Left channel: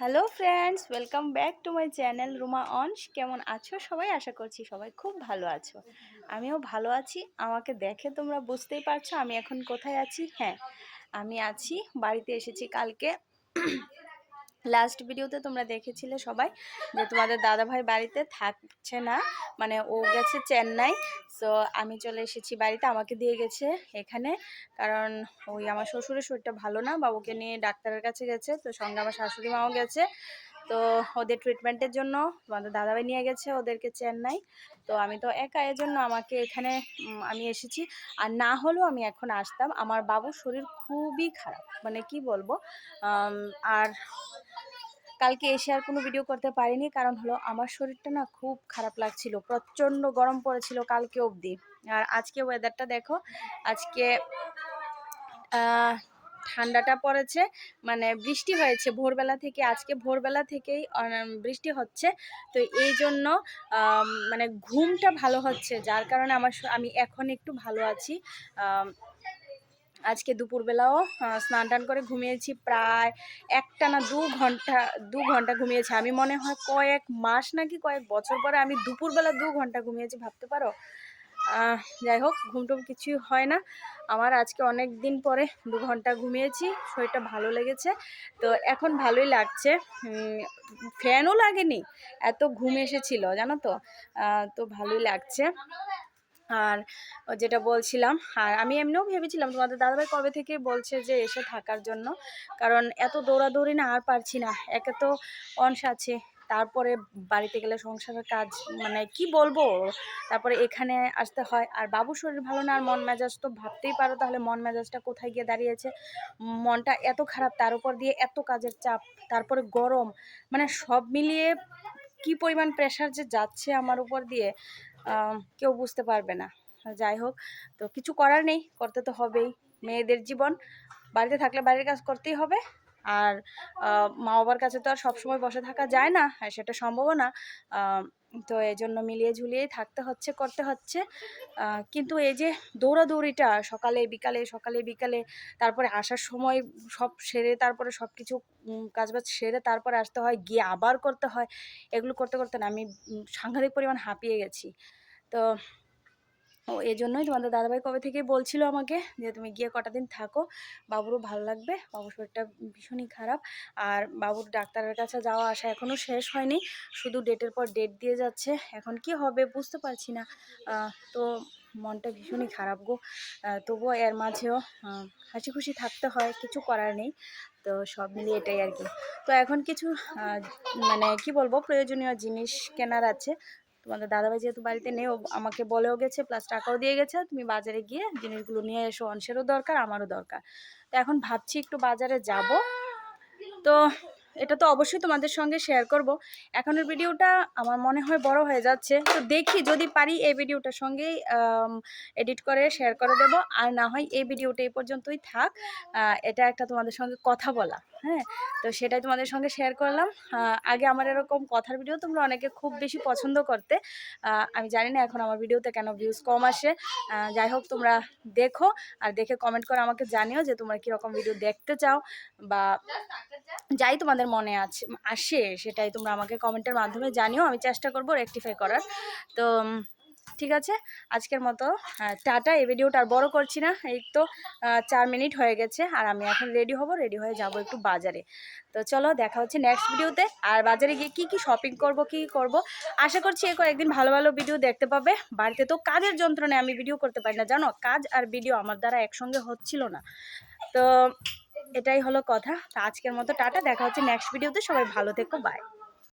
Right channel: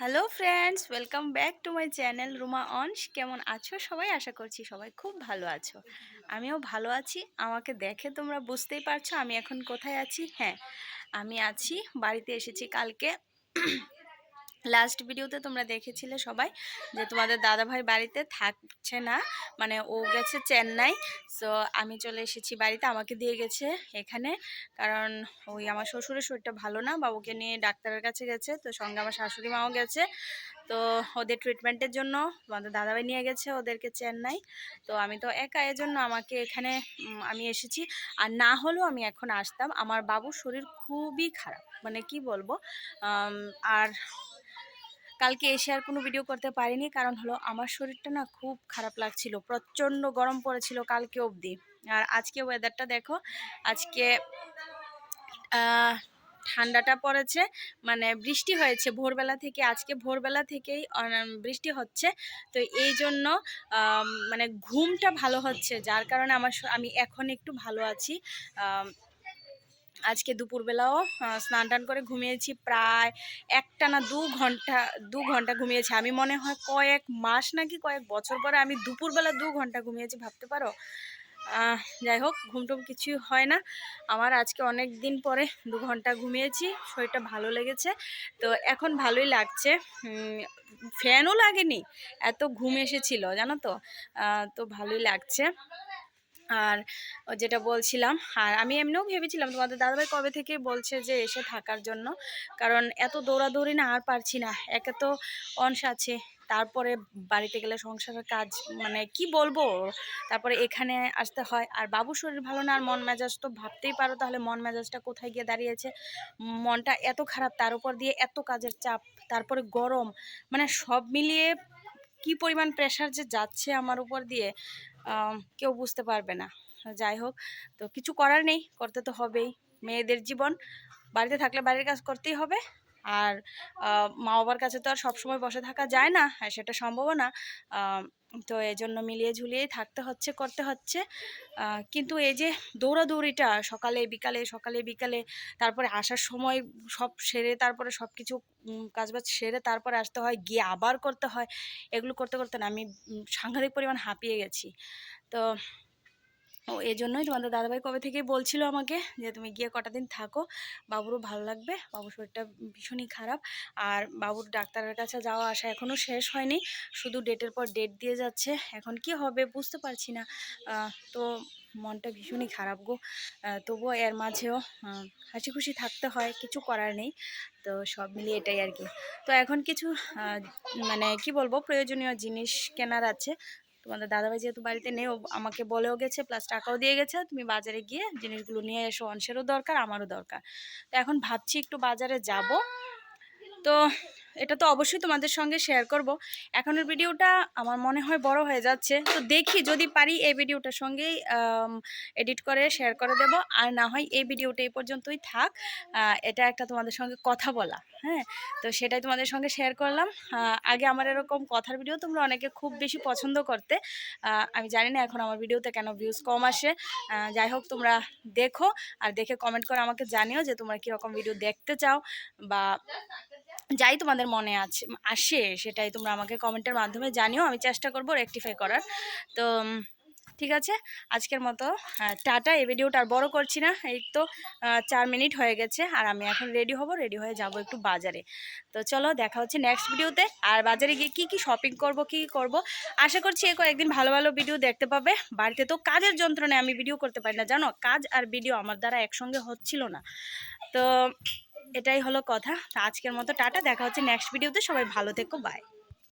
Hello friends welcome back to my channel Ruma অনস কেমন আছো সবাই? আশা করছি সবাই খুব ভালো আছো। আমিও ভালো আছি। আমাকে দেখে তোমরা বুঝতেই পারছ আমি এখন কোথায় আছি? হ্যাঁ আমি আছি, বাড়িতে এসেছি কালকে। লাস্ট ভিডিওতে তোমরা দেখেছিলে সবাই যে তোমাদের দাদাভাই বাড়িতে থাকছে না মানে ও গেছে চেন্নাই। সো আমি চলে এসেছি বাড়িতে, আমাকে দিয়ে গেছে এখানে। কারণ ওই আমার শ্বশুরের শরীরটা ভালো না বাবুকে নিয়ে ডাক্তারের কাছে গেছে, তো সঙ্গে আমার শাশুড়ি মাও গেছে। তো ওদের ট্রিটমেন্টের জন্য আমাদের দাদাভাই নিয়ে গেছে ওদেরকে চেন্নাই। তো আমি তো একা এর জন্য আমাকে এখানে আমি এসেছি। আর না হলেও আমি এখন আসতাম। আমার বাবুর শরীর খুবই খারাপ মানে কি বলব? আর কালকে এসে আর কোনো ভিডিও করতে পারিনি। কারণ হলো আমার শরীরটা না খুব খারাপ লাগছিল। প্রচণ্ড গরম পড়েছিল কালকে অবধি। আর আজকে ওয়েদারটা দেখো, আজকে ঠান্ডাটা পড়েছে মানে বৃষ্টি হয়েছে ভোরবেলা থেকে। আজকে ভোরবেলা থেকেই বৃষ্টি হচ্ছে। তো এই জন্য মানে ঘুমটা ভালো হচ্ছে। যার কারণে আমার আমি এখন একটু ভালো আছি। আজকে দুপুরবেলাও স্নান টান করে ঘুমিয়েছি প্রায় একটা না দু ঘণ্টা দু ঘণ্টা ঘুমিয়েছি। আমি মনে হয় কয়েক মাস নাকি কয়েক বছর পরে আমি দুপুরবেলা দু ঘণ্টা ঘুমিয়েছি, ভাবতে পারো? যাই হোক, ঘুমটুম কিছুই হয় না। আমার আজকে অনেক দিন পরে দু ঘণ্টা ঘুমিয়েছি, শরীরটা ভালো লেগেছে। তো এখন ভালোই লাগছে। ফ্যানও লাগেনি, এত ঘুম এসেছিল, জানো তো? তো ভালোই লাগছে। আর যেটা বলছিলাম, আর আমি এমনিও ভেবেছিলাম তোমাদের দাদাভাই কবে থেকে বলছে যে এসে থাকার জন্য। কারণ এত দৌড়াদৌড়ি না আর পারছি না, একে তো অংশ আছে, তারপরে বাড়িতে গেলে সংসারের কাজ মানে কি বলব? তারপরে এখানে আসতে হয়, আর বাবুর শরীর ভালো না, আর মন মেজাজ তো ভাবতেই পারো, তাহলে মন মেজাজটা কোথায় গিয়ে দাঁড়িয়েছে? মনটা এত খারাপ, তার উপর দিয়ে এত কাজের চাপ, তারপরে গরম মানে সব মিলিয়ে কি পরিমাণ প্রেশার যে যাচ্ছে আমার উপর দিয়ে। কেউ বুঝতে পারবে না। যাই হোক, তো কিছু করার নেই, করতে তো হবেই। মেয়েদের জীবন, বাড়িতে থাকলে বাড়ির কাজ করতেই হবে। আর মা বাবার কাছে তো আর সবসময় বসে থাকা যায় না আর সেটা সম্ভবও না। তো এই জন্য মিলিয়ে ঝুলিয়েই থাকতে হচ্ছে, করতে হচ্ছে। কিন্তু এই যে দৌড়াদৌড়িটা, সকালে, বিকালে সকালে, বিকালে, তারপরে আসার সময় সব সেরে তারপরে সব কিছু কাজবাজ সেরে তারপরে আসতে হয়, গিয়ে আবার করতে হয়। এগুলো করতে করতে না, আমি সাংঘাতিক পরিমাণ হাঁপিয়ে গেছি। তো ও এই জন্যই তোমাদের দাদাভাই কবে থেকেই বলছিল আমাকে যে তুমি গিয়ে কটা দিন থাকো। বাবুরও ভালো লাগবে, বাবুর শরীরটা ভীষণই খারাপ। আর বাবুর ডাক্তারের কাছে যাওয়া আসা এখনও শেষ হয়নি, শুধু ডেটের পর ডেট দিয়ে যাচ্ছে। এখন কি হবে বুঝতে পারছি না। তো মনটা ভীষণই খারাপ গো। তবুও এর মাঝেও হাসি খুশি থাকতে হয়, কিছু করার নেই। তো সব মিলিয়ে এটাই আর কি। তো এখন কিছু মানে কি বলব, প্রয়োজনীয় জিনিস কেনার আছে। তোমাদের দাদাভাই যেহেতু বাড়িতে নেই আমাকে বলেও গেছে প্লাস টাকাও দিয়ে গেছে, তুমি বাজারে গিয়ে জিনিসগুলো নিয়ে এসো, অংশেরও দরকার, আমারও দরকার। তো এখন ভাবছি একটু বাজারে যাব। তো এটা তো অবশ্যই তোমাদের সঙ্গে শেয়ার করব। এখনের ভিডিওটা আমার মনে হয় বড় হয়ে যাচ্ছে। তো দেখি যদি পারি এই ভিডিওটার সঙ্গেই এডিট করে শেয়ার করে দেব। আর না হয় এই ভিডিওটা এই পর্যন্তই থাক। এটা একটা তোমাদের সঙ্গে কথা বলা হ্যাঁ? তো সেটাই তোমাদের সঙ্গে শেয়ার করলাম। আগে আমার এরকম কথার ভিডিও তোমরা অনেকে খুব বেশি পছন্দ করতে। আমি জানি না এখন আমার ভিডিওতে কেন ভিউজ কম আসে। যাই হোক তোমরা দেখো আর দেখে কমেন্ট করে আমাকে জানিও যে তোমরা কীরকম ভিডিও দেখতে চাও বা যাই তোমাদের মনে আছে, আসে সেটাই তোমরা আমাকে কমেন্টের মাধ্যমে জানিও, আমি চেষ্টা করব রেকটিফাই করার। তো ঠিক আছে? আজকের মতো টাটা, এই ভিডিওটা আর বড় করছি না, এই তো চার মিনিট হয়ে গেছে, আর আমি এখন রেডি হব রেডি হয়ে যাব একটু বাজারে। তো চলো, দেখা হচ্ছে নেক্সট ভিডিওতে আর বাজারে গিয়ে কী কী শপিং করব, কী করব, আশা করছি এই কয়েকদিন ভালো ভালো ভিডিও দেখতে পাবে। বাড়িতে তো কাজের যন্ত্রণায় আমি ভিডিও করতে পারি না, জানো? কাজ আর ভিডিও আমার দ্বারা একসঙ্গে হচ্ছিল না। তো এটাই হলো কথা। আজকের মতো টাটা দেখা হচ্ছে নেক্সট ভিডিওতে সবাই ভালো থেকো বাই